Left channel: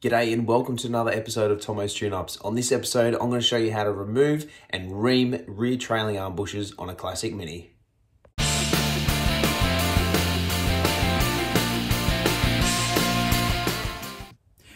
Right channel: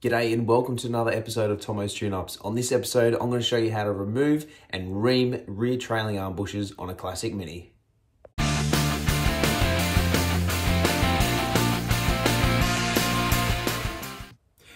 G'day and welcome to another episode of Tomo's Tune-Ups. On this episode, I'm going to show you how to remove and ream rear trailing arm bushes on a classic Mini.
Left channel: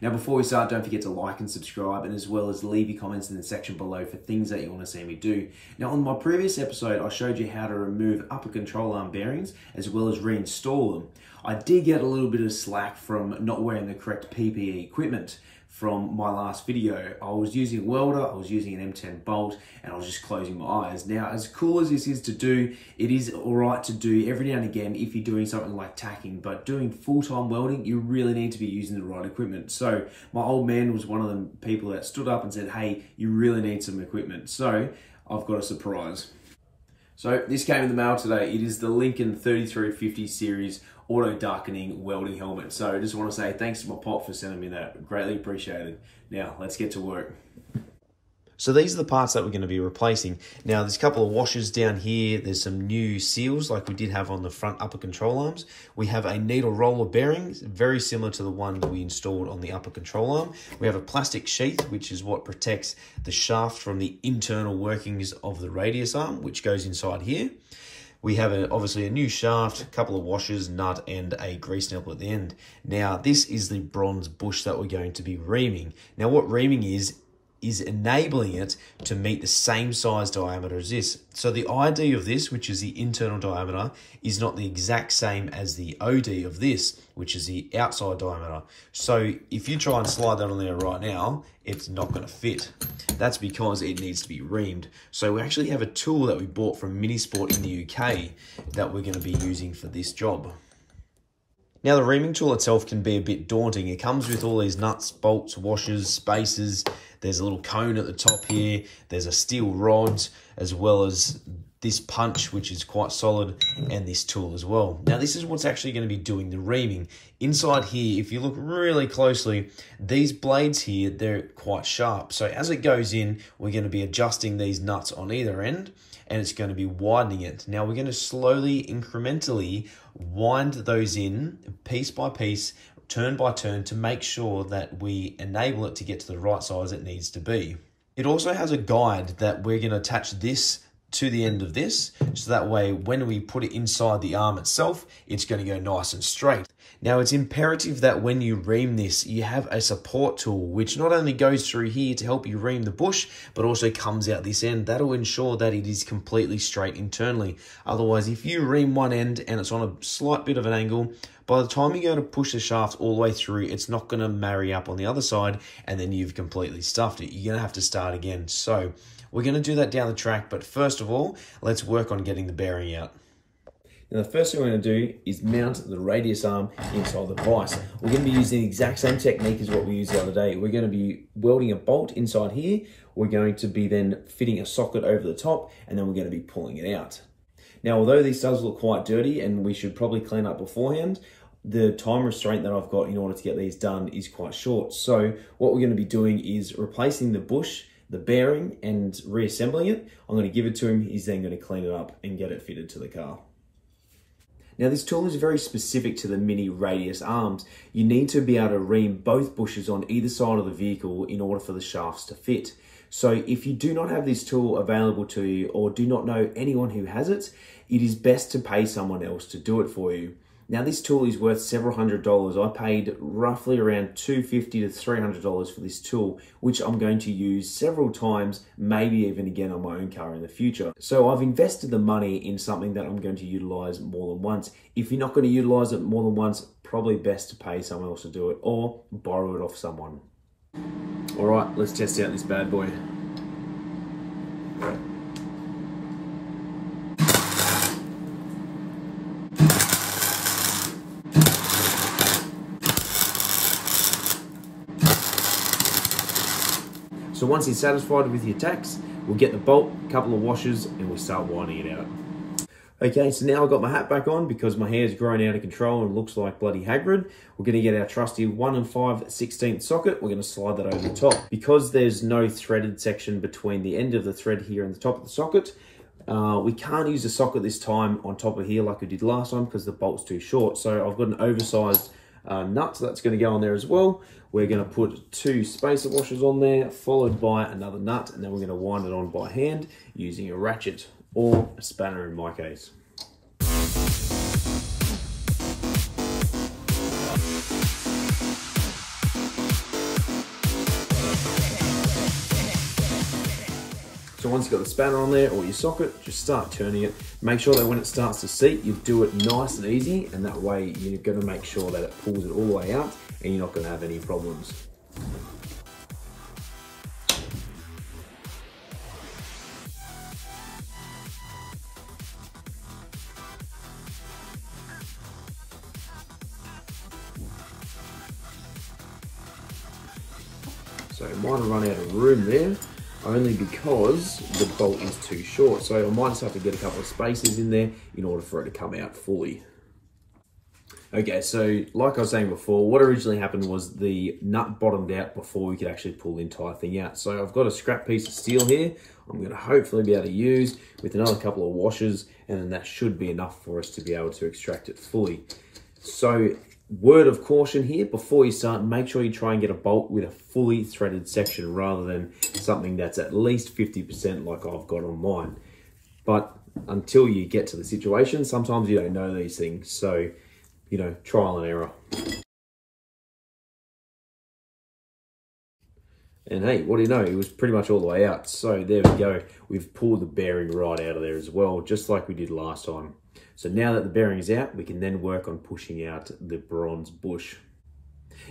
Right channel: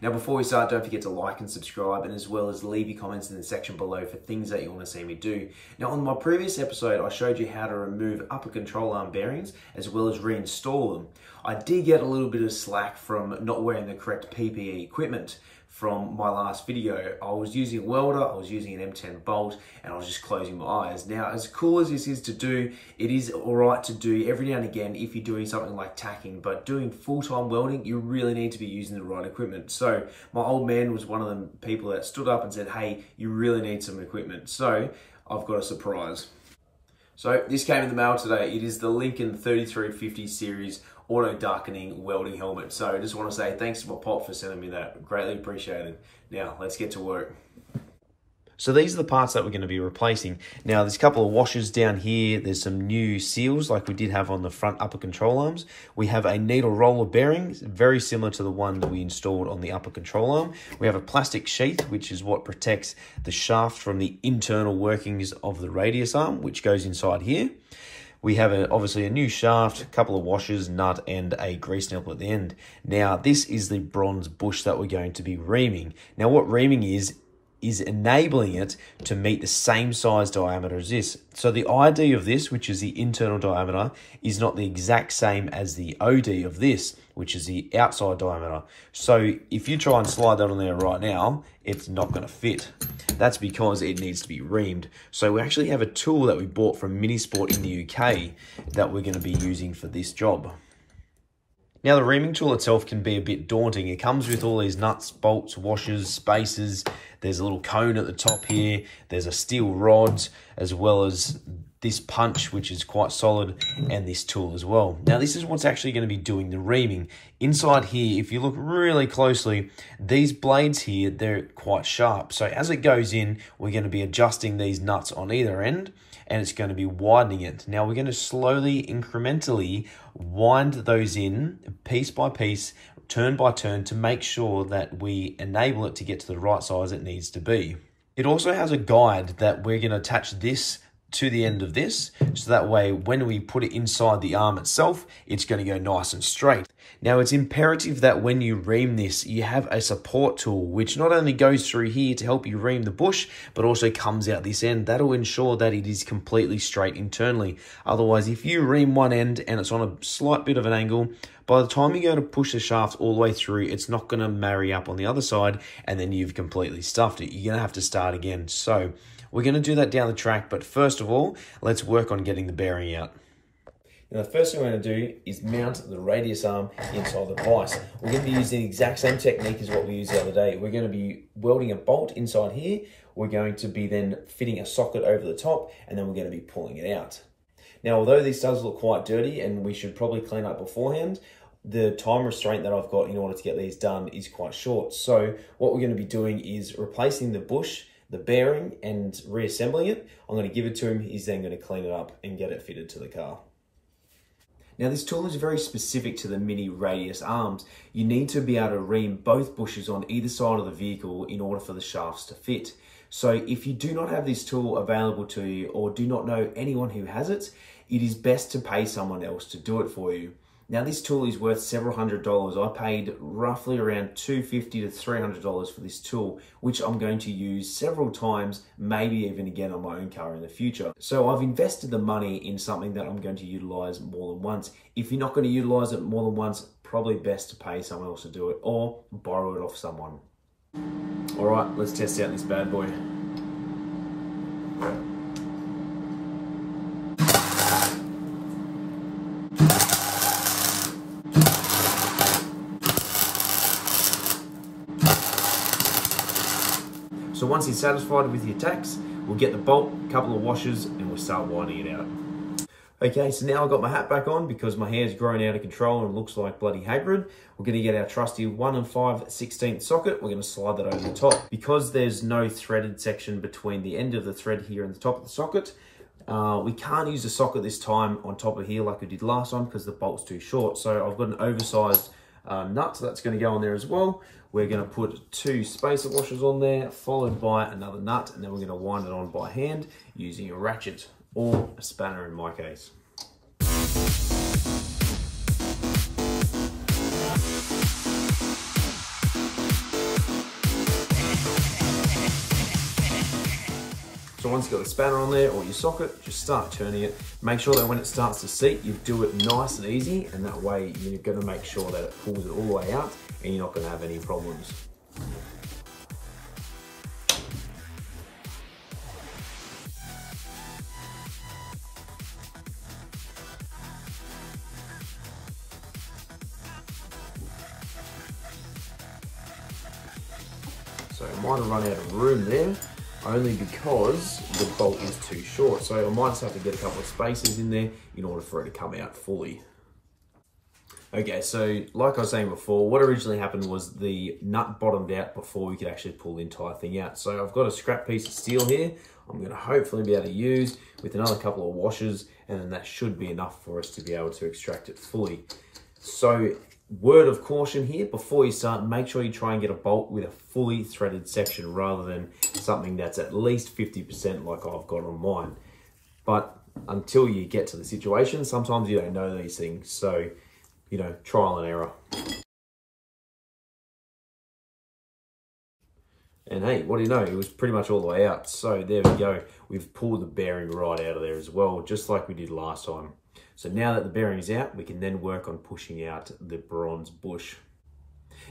Now before we start, don't forget to like and subscribe, and as well as leave your comments in the section below for things that you want to see me do. Now on my previous episode, I showed you how to remove upper control arm bearings as well as reinstall them. I did get a little bit of slack from not wearing the correct PPE equipment from my last video. I was using a welder, I was using an M10 bolt, and I was just closing my eyes. Now, as cool as this is to do, it is all right to do every now and again if you're doing something like tacking, but doing full-time welding, you really need to be using the right equipment. So my old man was one of the people that stood up and said, hey, you really need some equipment. So I've got a surprise. So this came in the mail today. It is the Lincoln 3350 series auto darkening welding helmet. So I just want to say thanks to my pop for sending me that. Greatly appreciated. Now let's get to work. So these are the parts that we're going to be replacing. Now there's a couple of washers down here. There's some new seals like we did have on the front upper control arms. We have a needle roller bearing, very similar to the one that we installed on the upper control arm. We have a plastic sheath, which is what protects the shaft from the internal workings of the radius arm, which goes inside here. We have obviously a new shaft, a couple of washers, nut, and a grease nipple at the end. Now, this is the bronze bush that we're going to be reaming. Now, what reaming is enabling it to meet the same size diameter as this. So the ID of this, which is the internal diameter, is not the exact same as the OD of this, which is the outside diameter. So if you try and slide that on there right now, it's not going to fit. That's because it needs to be reamed. So we actually have a tool that we bought from Minisport in the UK that we're going to be using for this job. Now the reaming tool itself can be a bit daunting. It comes with all these nuts, bolts, washers, spacers. There's a little cone at the top here. There's a steel rod, as well as this punch, which is quite solid, and this tool as well. Now this is what's actually going to be doing the reaming. Inside here, if you look really closely, these blades here, they're quite sharp. So as it goes in, we're going to be adjusting these nuts on either end, and it's going to be widening it. Now we're going to slowly, incrementally wind those in piece by piece, turn by turn, to make sure that we enable it to get to the right size it needs to be. It also has a guide that we're going to attach this to the end of this, so that way when we put it inside the arm itself, it's going to go nice and straight. Now it's imperative that when you ream this, you have a support tool, which not only goes through here to help you ream the bush, but also comes out this end. That'll ensure that it is completely straight internally. Otherwise, if you ream one end and it's on a slight bit of an angle, by the time you go to push the shaft all the way through, it's not going to marry up on the other side, and then you've completely stuffed it. You're going to have to start again. So we're going to do that down the track, but first of all, let's work on getting the bearing out. Now the first thing we're going to do is mount the radius arm inside the vise. We're going to be using the exact same technique as what we used the other day. We're going to be welding a bolt inside here. We're going to be then fitting a socket over the top, and then we're going to be pulling it out. Now, although this does look quite dirty and we should probably clean up beforehand, the time restraint that I've got in order to get these done is quite short. So what we're going to be doing is replacing the bush, the bearing, and reassembling it. I'm going to give it to him. He's then going to clean it up and get it fitted to the car. Now this tool is very specific to the Mini radius arms. You need to be able to ream both bushes on either side of the vehicle in order for the shafts to fit. So if you do not have this tool available to you, or do not know anyone who has it, it is best to pay someone else to do it for you. Now this tool is worth several $100s. I paid roughly around $250 to $300 for this tool, which I'm going to use several times, maybe even again on my own car in the future. So I've invested the money in something that I'm going to utilize more than once. If you're not going to utilize it more than once, probably best to pay someone else to do it or borrow it off someone. All right, let's test out this bad boy. So once you're satisfied with your tacks, we'll get the bolt, a couple of washers, and we'll start winding it out. Okay, so now I've got my hat back on because my hair's grown out of control and looks like bloody Hagrid. We're going to get our trusty 1 5/16 socket. We're going to slide that over the top. Because there's no threaded section between the end of the thread here and the top of the socket, we can't use the socket this time on top of here like we did last time because the bolt's too short. So I've got an oversized nut that's going to go on there as well. We're going to put 2 spacer washers on there, followed by another nut, and then we're going to wind it on by hand using a ratchet or a spanner in my case. So once you've got the spanner on there or your socket, just start turning it. Make sure that when it starts to seat, you do it nice and easy, and that way you're going to make sure that it pulls it all the way out and you're not going to have any problems. So I might have run out of room there, only because the bolt is too short. So I might just have to get a couple of spaces in there in order for it to come out fully. Okay, so like I was saying before, what originally happened was the nut bottomed out before we could actually pull the entire thing out. So I've got a scrap piece of steel here I'm going to hopefully be able to use with another couple of washers, and then that should be enough for us to be able to extract it fully. So word of caution here, before you start, make sure you try and get a bolt with a fully threaded section rather than something that's at least 50% like I've got on mine. But until you get to the situation, sometimes you don't know these things. So, you know, trial and error. And hey, what do you know? It was pretty much all the way out. So there we go. We've pulled the bearing right out of there as well, just like we did last time. So now that the bearing is out, we can then work on pushing out the bronze bush.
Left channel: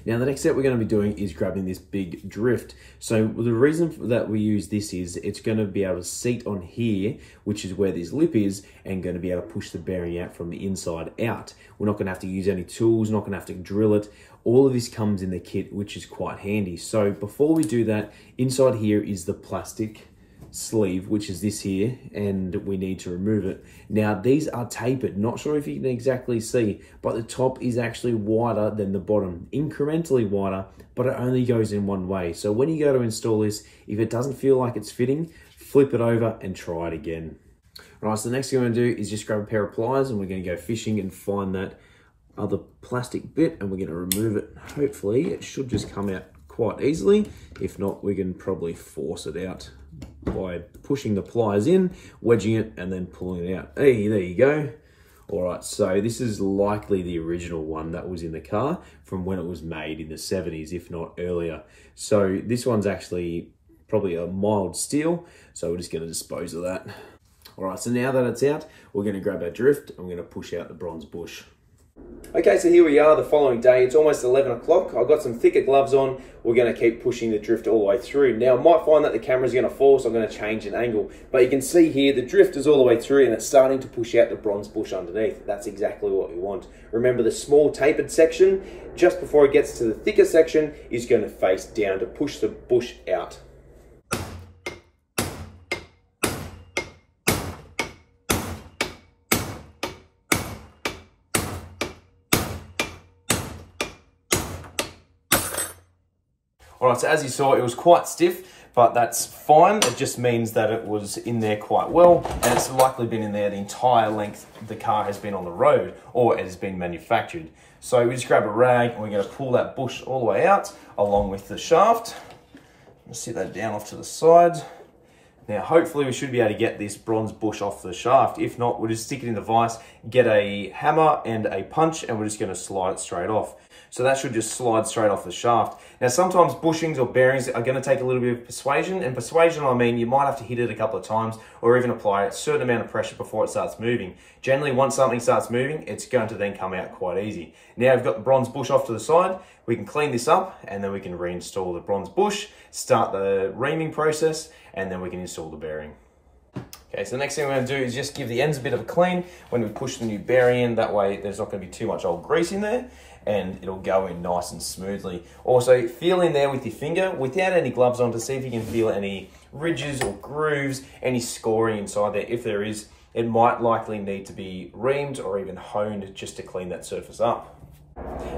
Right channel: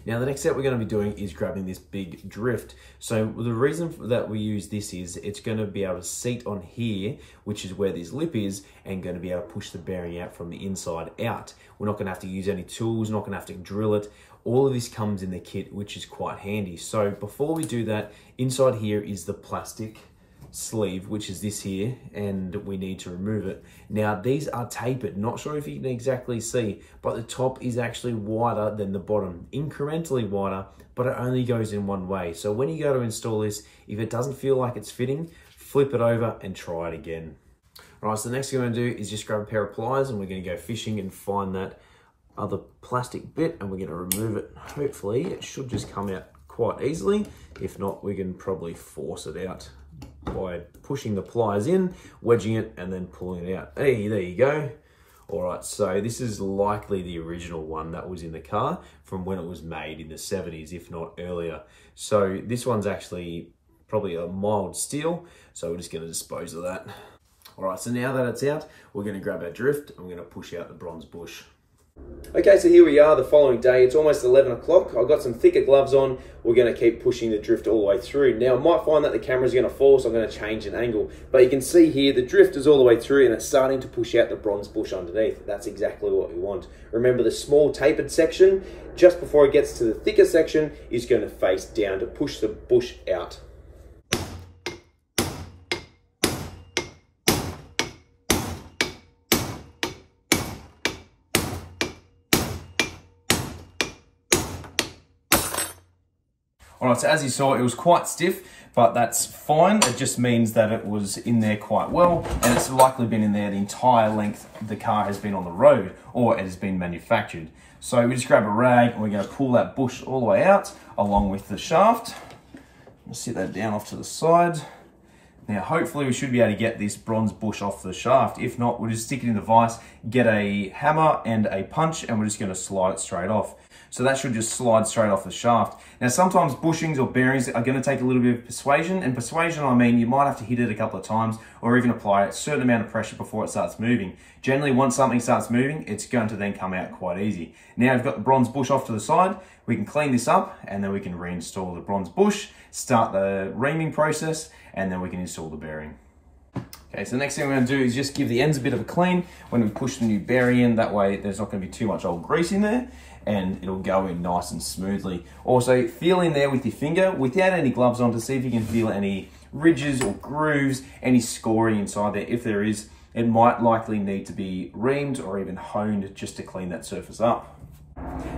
Now the next step we're going to be doing is grabbing this big drift. So the reason that we use this is it's going to be able to seat on here, which is where this lip is, and going to be able to push the bearing out from the inside out. We're not going to have to use any tools, not going to have to drill it. All of this comes in the kit, which is quite handy. So before we do that, inside here is the plastic sleeve, which is this here, and we need to remove it. Now these are tapered, not sure if you can exactly see, but the top is actually wider than the bottom, incrementally wider, but it only goes in one way. So when you go to install this, if it doesn't feel like it's fitting, flip it over and try it again. Right, so the next thing I'm going to do is just grab a pair of pliers, and we're going to go fishing and find that other plastic bit, and we're going to remove it. Hopefully it should just come out quite easily. If not, we can probably force it out by pushing the pliers in, wedging it, and then pulling it out. Hey, there you go. All right, so this is likely the original one that was in the car from when it was made in the 70s, if not earlier. So this one's actually probably a mild steel, so we're just going to dispose of that. All right, so now that it's out, we're going to grab our drift and we're going to push out the bronze bush. Okay, so here we are the following day. It's almost 11 o'clock. I've got some thicker gloves on. We're going to keep pushing the drift all the way through. Now, I might find that the camera's going to fall, so I'm going to change an angle. But you can see here, the drift is all the way through and it's starting to push out the bronze bush underneath. That's exactly what we want. Remember, the small tapered section, just before it gets to the thicker section, is going to face down to push the bush out. All right, so as you saw, it was quite stiff, but that's fine. It just means that it was in there quite well, and it's likely been in there the entire length the car has been on the road, or it has been manufactured. So we just grab a rag and we're going to pull that bush all the way out along with the shaft. Let's sit that down off to the side. Now, hopefully we should be able to get this bronze bush off the shaft. If not, we'll just stick it in the vise, get a hammer and a punch, and we're just going to slide it straight off. So that should just slide straight off the shaft. Now, sometimes bushings or bearings are going to take a little bit of persuasion. And persuasion, I mean, you might have to hit it a couple of times or even apply a certain amount of pressure before it starts moving. Generally, once something starts moving, it's going to then come out quite easy. Now we've got the bronze bush off to the side. We can clean this up and then we can reinstall the bronze bush, start the reaming process, and then we can install the bearing. Okay, so the next thing we're going to do is just give the ends a bit of a clean when we push the new bearing in. That way there's not going to be too much old grease in there and it'll go in nice and smoothly. Also, feel in there with your finger without any gloves on to see if you can feel any ridges or grooves, any scoring inside there. If there is, it might likely need to be reamed or even honed just to clean that surface up.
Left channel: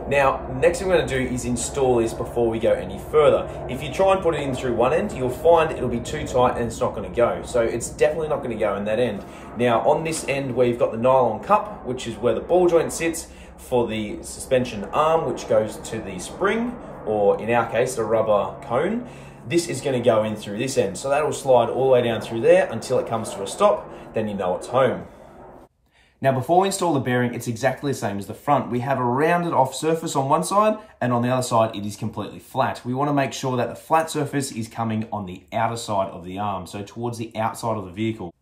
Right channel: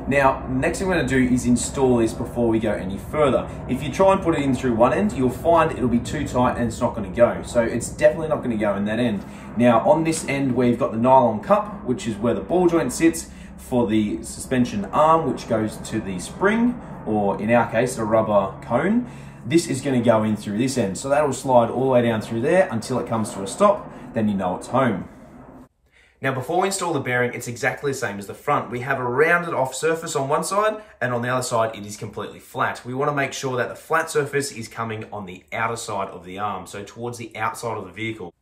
Now, next thing we're going to do is install this before we go any further. If you try and put it in through one end, you'll find it'll be too tight and it's not going to go. So it's definitely not going to go in that end. Now, on this end where you've got the nylon cup, which is where the ball joint sits, for the suspension arm, which goes to the spring, or in our case, the rubber cone. This is going to go in through this end. So that will slide all the way down through there until it comes to a stop. Then you know it's home. Now, before we install the bearing, it's exactly the same as the front. We have a rounded off surface on one side, and on the other side, it is completely flat. We want to make sure that the flat surface is coming on the outer side of the arm, so towards the outside of the vehicle.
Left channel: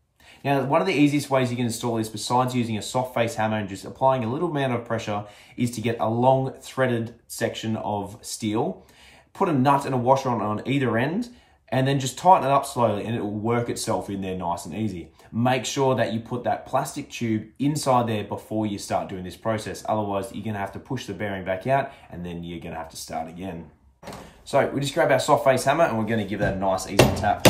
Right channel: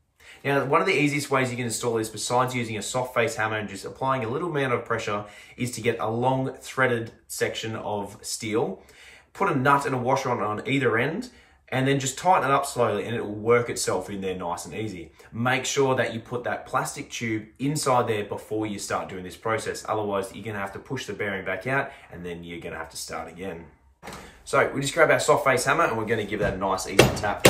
Now, one of the easiest ways you can install this, besides using a soft face hammer and just applying a little amount of pressure, is to get a long threaded section of steel, put a nut and a washer on either end, and then just tighten it up slowly and it will work itself in there nice and easy. Make sure that you put that plastic tube inside there before you start doing this process. Otherwise, you're gonna have to push the bearing back out and then you're gonna have to start again. So we just grab our soft face hammer and we're gonna give that a nice easy tap.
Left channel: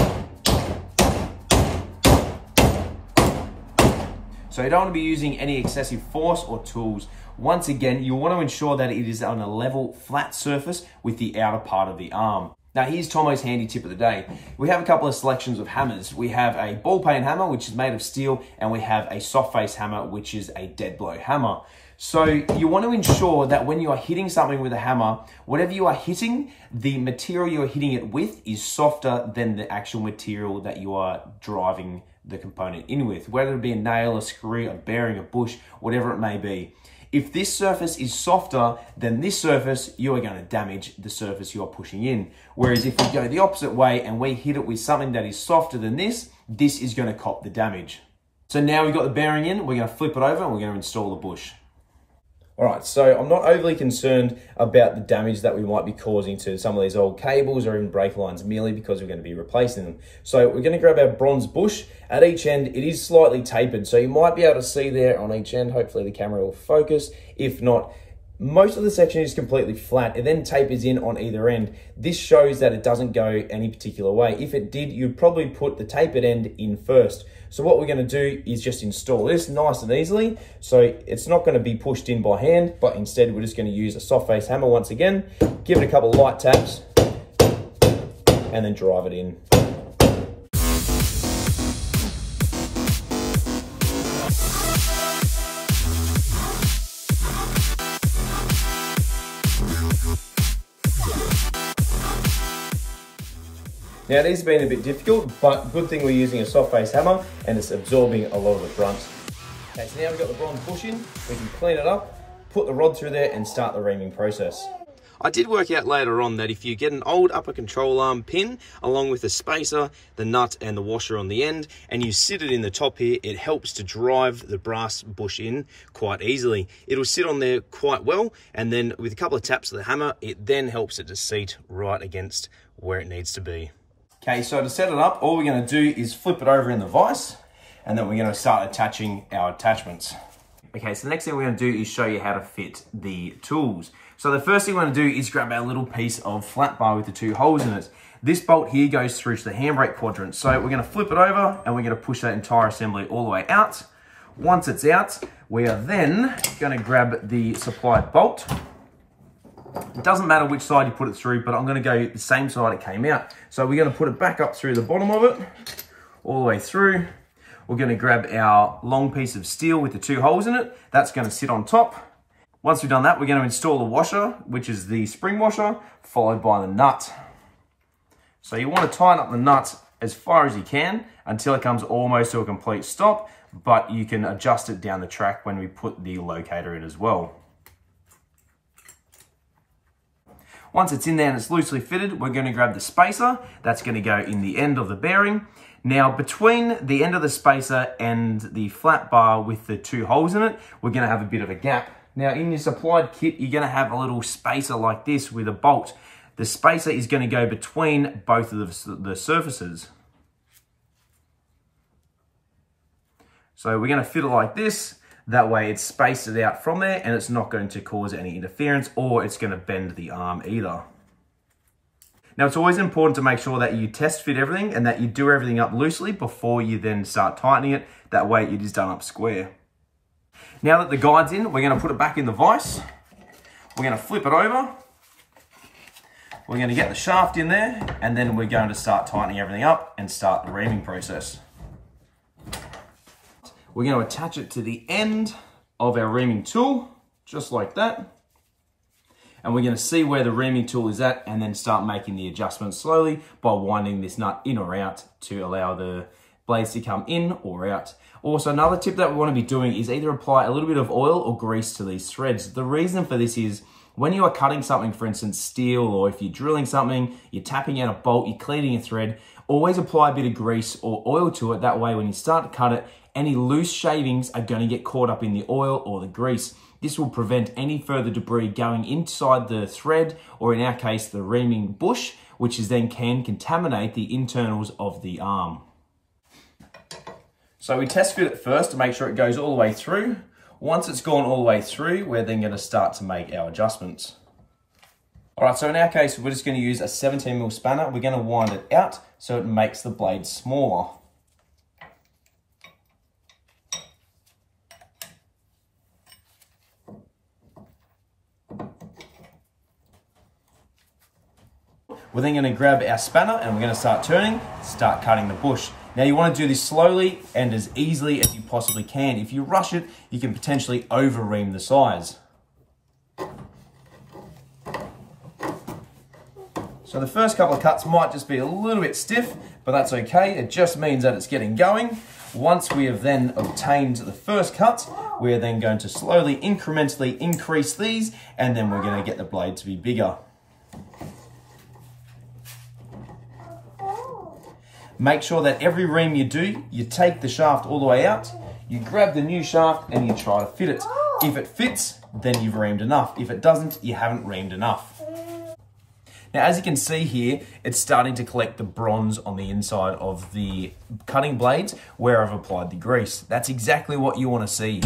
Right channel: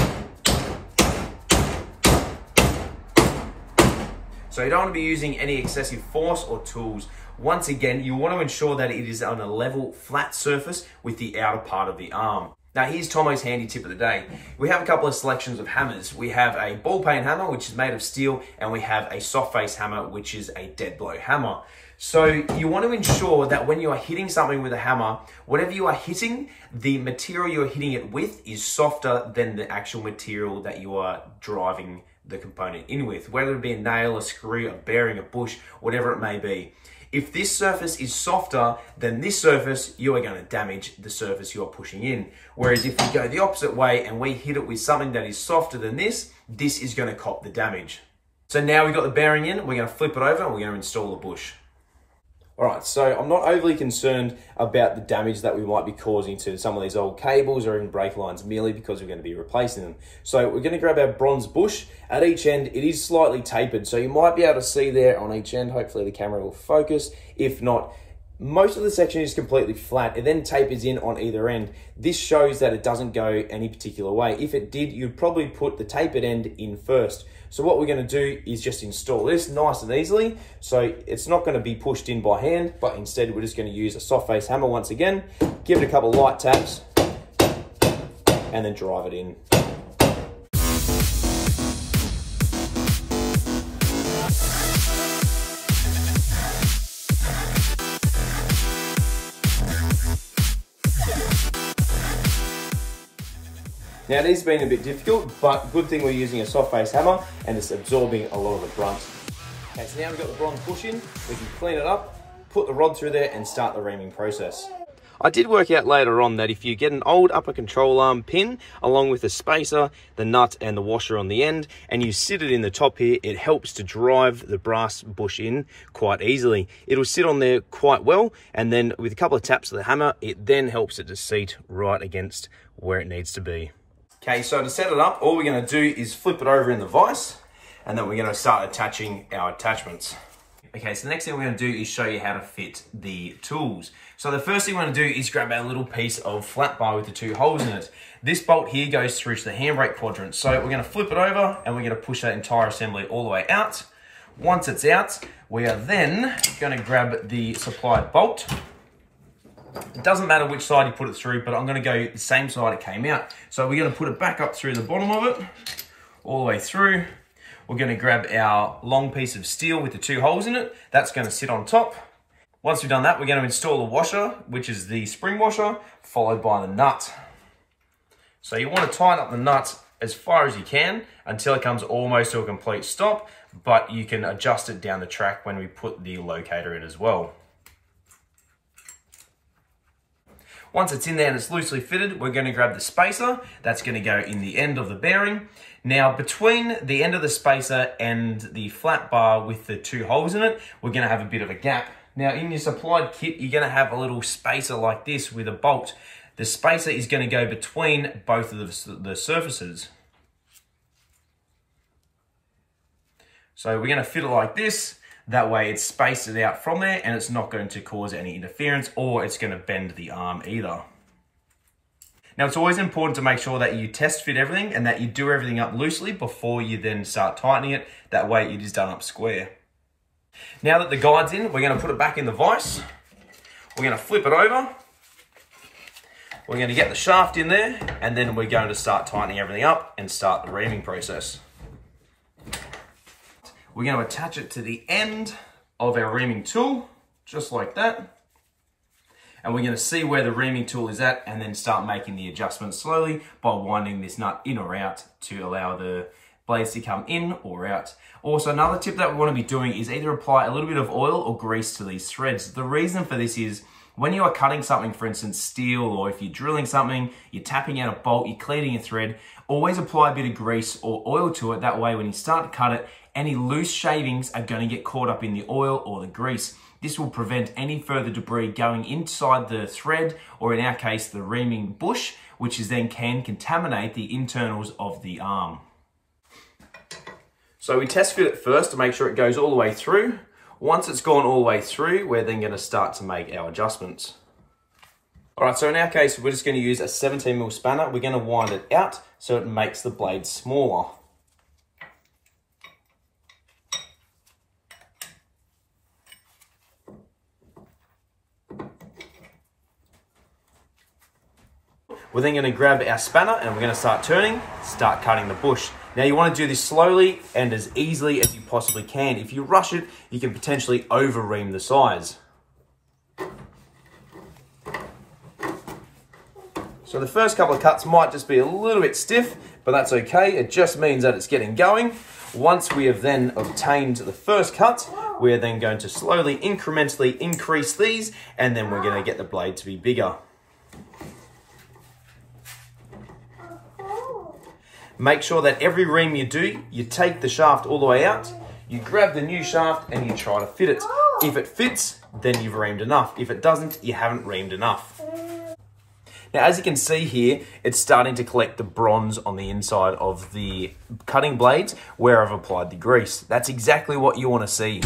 So you don't want to be using any excessive force or tools. Once again, you want to ensure that it is on a level, flat surface with the outer part of the arm. Now here's Tomo's handy tip of the day. We have a couple of selections of hammers. We have a ball peen hammer, which is made of steel, and we have a soft face hammer, which is a dead blow hammer. So you want to ensure that when you are hitting something with a hammer, whatever you are hitting, the material you're hitting it with is softer than the actual material that you are driving the component in with, whether it be a nail, a screw, a bearing, a bush, whatever it may be. If this surface is softer than this surface, you are going to damage the surface you are pushing in. Whereas if we go the opposite way and we hit it with something that is softer than this is going to cop the damage. So now we've got the bearing in, we're going to flip it over and we're going to install the bush. All right, so I'm not overly concerned about the damage that we might be causing to some of these old cables or even brake lines, merely because we're going to be replacing them. So we're going to grab our bronze bush. At each end, it is slightly tapered, so you might be able to see there on each end. Hopefully the camera will focus. If not, most of the section is completely flat. It then tapers in on either end. This shows that it doesn't go any particular way. If it did, you'd probably put the tapered end in first. So what we're going to do is just install this nice and easily. So it's not going to be pushed in by hand, but instead we're just going to use a soft face hammer once again, give it a couple of light taps, and then drive it in. Now it has been a bit difficult, but good thing we're using a soft face hammer and it's absorbing a lot of the brunt. Okay, so now we've got the bronze bush in, we can clean it up, put the rod through there and start the reaming process. I did work out later on that if you get an old upper control arm pin along with the spacer, the nut and the washer on the end, and you sit it in the top here, it helps to drive the brass bush in quite easily. It'll sit on there quite well, and then with a couple of taps of the hammer, it then helps it to seat right against where it needs to be. Okay, so to set it up, all we're going to do is flip it over in the vise, and then we're going to start attaching our attachments. Okay, so the next thing we're going to do is show you how to fit the tools. So the first thing we're going to do is grab our little piece of flat bar with the two holes in it. This bolt here goes through to the handbrake quadrant. So we're going to flip it over, and we're going to push that entire assembly all the way out. Once it's out, we are then going to grab the supplied bolt. It doesn't matter which side you put it through, but I'm going to go the same side it came out. So we're going to put it back up through the bottom of it, all the way through. We're going to grab our long piece of steel with the two holes in it. That's going to sit on top. Once we've done that, we're going to install the washer, which is the spring washer, followed by the nut. So you want to tighten up the nut as far as you can until it comes almost to a complete stop, but you can adjust it down the track when we put the locator in as well. Once it's in there and it's loosely fitted, we're going to grab the spacer. That's going to go in the end of the bearing. Now, between the end of the spacer and the flat bar with the two holes in it, we're going to have a bit of a gap. Now, in your supplied kit, you're going to have a little spacer like this with a bolt. The spacer is going to go between both of the surfaces. So we're going to fit it like this. That way it's spaced it out from there and it's not going to cause any interference or it's going to bend the arm either. Now it's always important to make sure that you test fit everything and that you do everything up loosely before you then start tightening it. That way it is done up square. Now that the guide's in, we're going to put it back in the vise. We're going to flip it over. We're going to get the shaft in there and then we're going to start tightening everything up and start the reaming process. We're going to attach it to the end of our reaming tool. just like that. And we're going to see where the reaming tool is at and then start making the adjustments slowly by winding this nut in or out to allow the blades to come in or out. Also, another tip that we want to be doing is either apply a little bit of oil or grease to these threads. The reason for this is when you are cutting something, for instance, steel, or if you're drilling something, you're tapping out a bolt, you're cleaning a thread, always apply a bit of grease or oil to it. That way, when you start to cut it, any loose shavings are going to get caught up in the oil or the grease. This will prevent any further debris going inside the thread, or in our case, the reaming bush, which is then can contaminate the internals of the arm. So we test fit it first to make sure it goes all the way through. Once it's gone all the way through, we're then going to start to make our adjustments. All right, so in our case, we're just going to use a 17mm spanner. We're going to wind it out so it makes the blade smaller. We're then going to grab our spanner and we're going to start turning, start cutting the bush. Now you want to do this slowly and as easily as you possibly can. If you rush it, you can potentially over-ream the sides. So the first couple of cuts might just be a little bit stiff, but that's okay. It just means that it's getting going. Once we have then obtained the first cut, we're then going to slowly, incrementally increase these, and then we're going to get the blade to be bigger. Make sure that every ream you do, you take the shaft all the way out, you grab the new shaft and you try to fit it. If it fits, then you've reamed enough. If it doesn't, you haven't reamed enough. Now, as you can see here, it's starting to collect the bronze on the inside of the cutting blades where I've applied the grease. That's exactly what you want to see.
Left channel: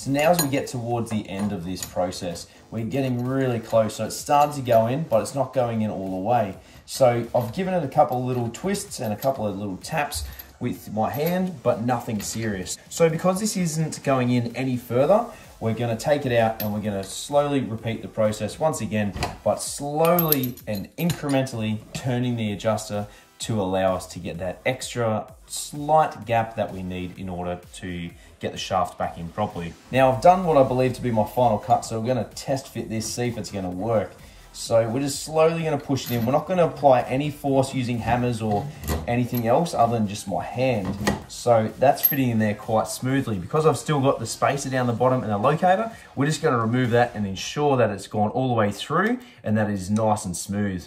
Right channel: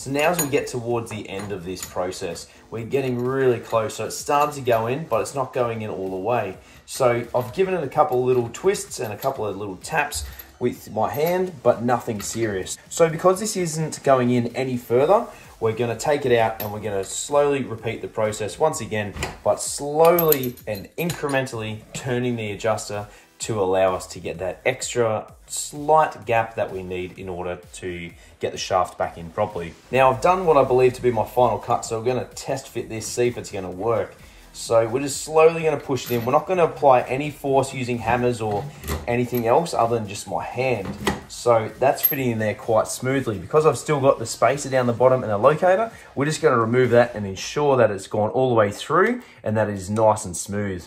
So now as we get towards the end of this process, we're getting really close. So it started to go in, but it's not going in all the way. So I've given it a couple of little twists and a couple of little taps with my hand, but nothing serious. So because this isn't going in any further, we're going to take it out and we're going to slowly repeat the process once again, but slowly and incrementally turning the adjuster to allow us to get that extra slight gap that we need in order to get the shaft back in properly. Now I've done what I believe to be my final cut, so we're going to test fit this, see if it's going to work. So we're just slowly going to push it in. We're not going to apply any force using hammers or anything else other than just my hand. So that's fitting in there quite smoothly. Because I've still got the spacer down the bottom and a locator, we're just going to remove that and ensure that it's gone all the way through and that it is nice and smooth.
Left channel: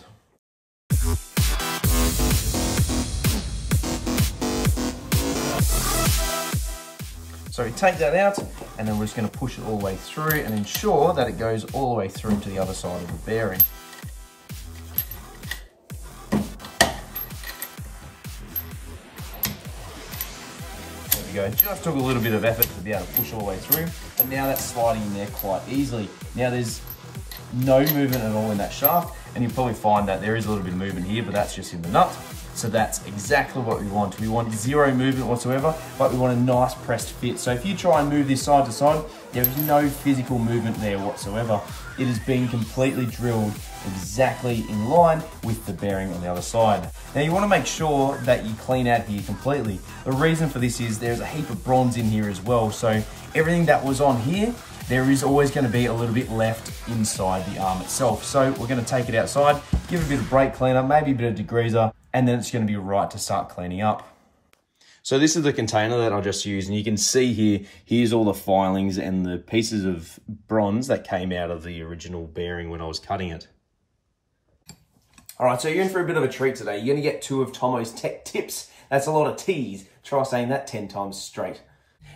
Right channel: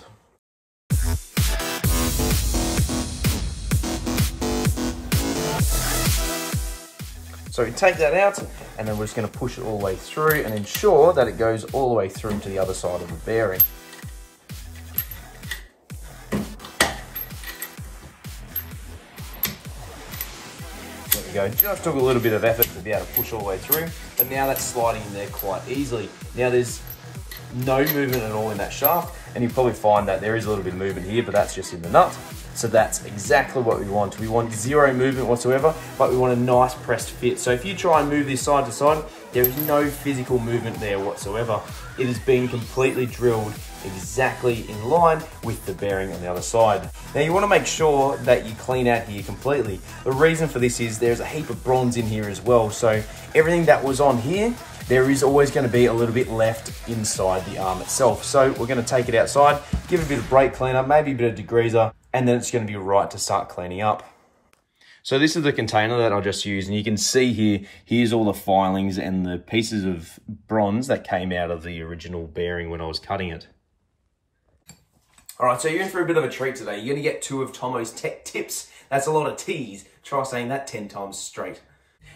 So we take that out and then we're just going to push it all the way through and ensure that it goes all the way through to the other side of the bearing. There we go. Just took a little bit of effort to be able to push all the way through, but now that's sliding in there quite easily. Now there's no movement at all in that shaft, and you probably find that there is a little bit of movement here, but that's just in the nut. So that's exactly what we want. We want zero movement whatsoever, but we want a nice pressed fit. So if you try and move this side to side, there is no physical movement there whatsoever. It has been completely drilled exactly in line with the bearing on the other side. Now you want to make sure that you clean out here completely. The reason for this is there's a heap of bronze in here as well. So everything that was on here, there is always going to be a little bit left inside the arm itself. So we're going to take it outside, give it a bit of brake cleaner, maybe a bit of degreaser, and then it's going to be right to start cleaning up. So this is the container that I just used, and you can see here, here's all the filings and the pieces of bronze that came out of the original bearing when I was cutting it. All right, so you're in for a bit of a treat today. You're gonna get 2 of Tomo's tech tips. That's a lot of T's. Try saying that 10 times straight.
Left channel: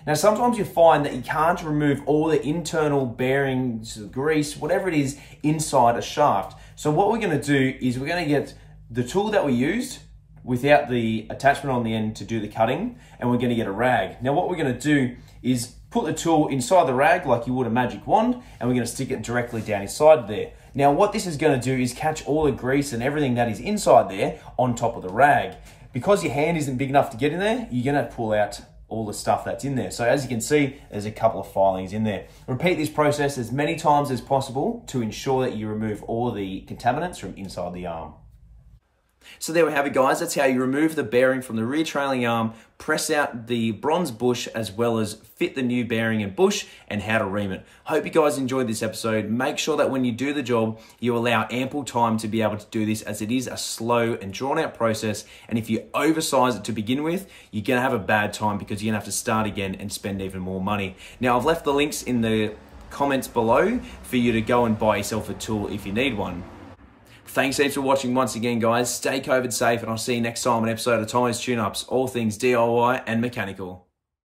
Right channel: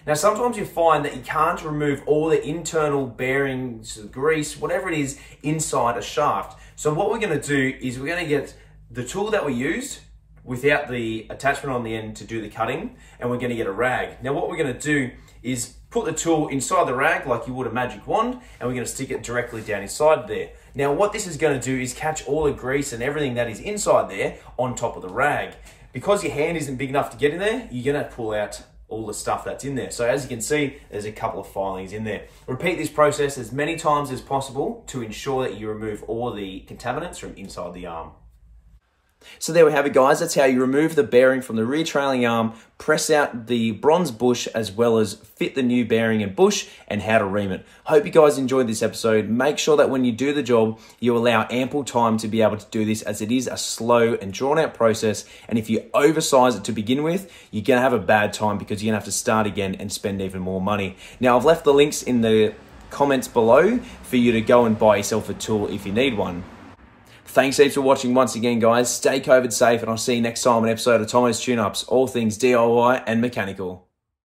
Now, sometimes you find that you can't remove all the internal bearings, grease, whatever it is inside a shaft. So what we're gonna do is we're gonna get the tool that we used without the attachment on the end to do the cutting, and we're gonna get a rag. Now, what we're gonna do is put the tool inside the rag like you would a magic wand, and we're gonna stick it directly down inside there. Now, what this is gonna do is catch all the grease and everything that is inside there on top of the rag. Because your hand isn't big enough to get in there, you're gonna pull out all the stuff that's in there. So as you can see, there's a couple of filings in there. Repeat this process as many times as possible to ensure that you remove all the contaminants from inside the arm. So there we have it, guys. That's how you remove the bearing from the rear trailing arm, press out the bronze bush, as well as fit the new bearing and bush, and how to ream it. Hope you guys enjoyed this episode. Make sure that when you do the job, you allow ample time to be able to do this, as it is a slow and drawn out process. And if you oversize it to begin with, you're gonna have a bad time because you're gonna have to start again and spend even more money. Now, I've left the links in the comments below for you to go and buy yourself a tool if you need one. Thanks heaps for watching once again, guys. Stay COVID safe, and I'll see you next time on an episode of Tomo's Tune-Ups, all things DIY and mechanical.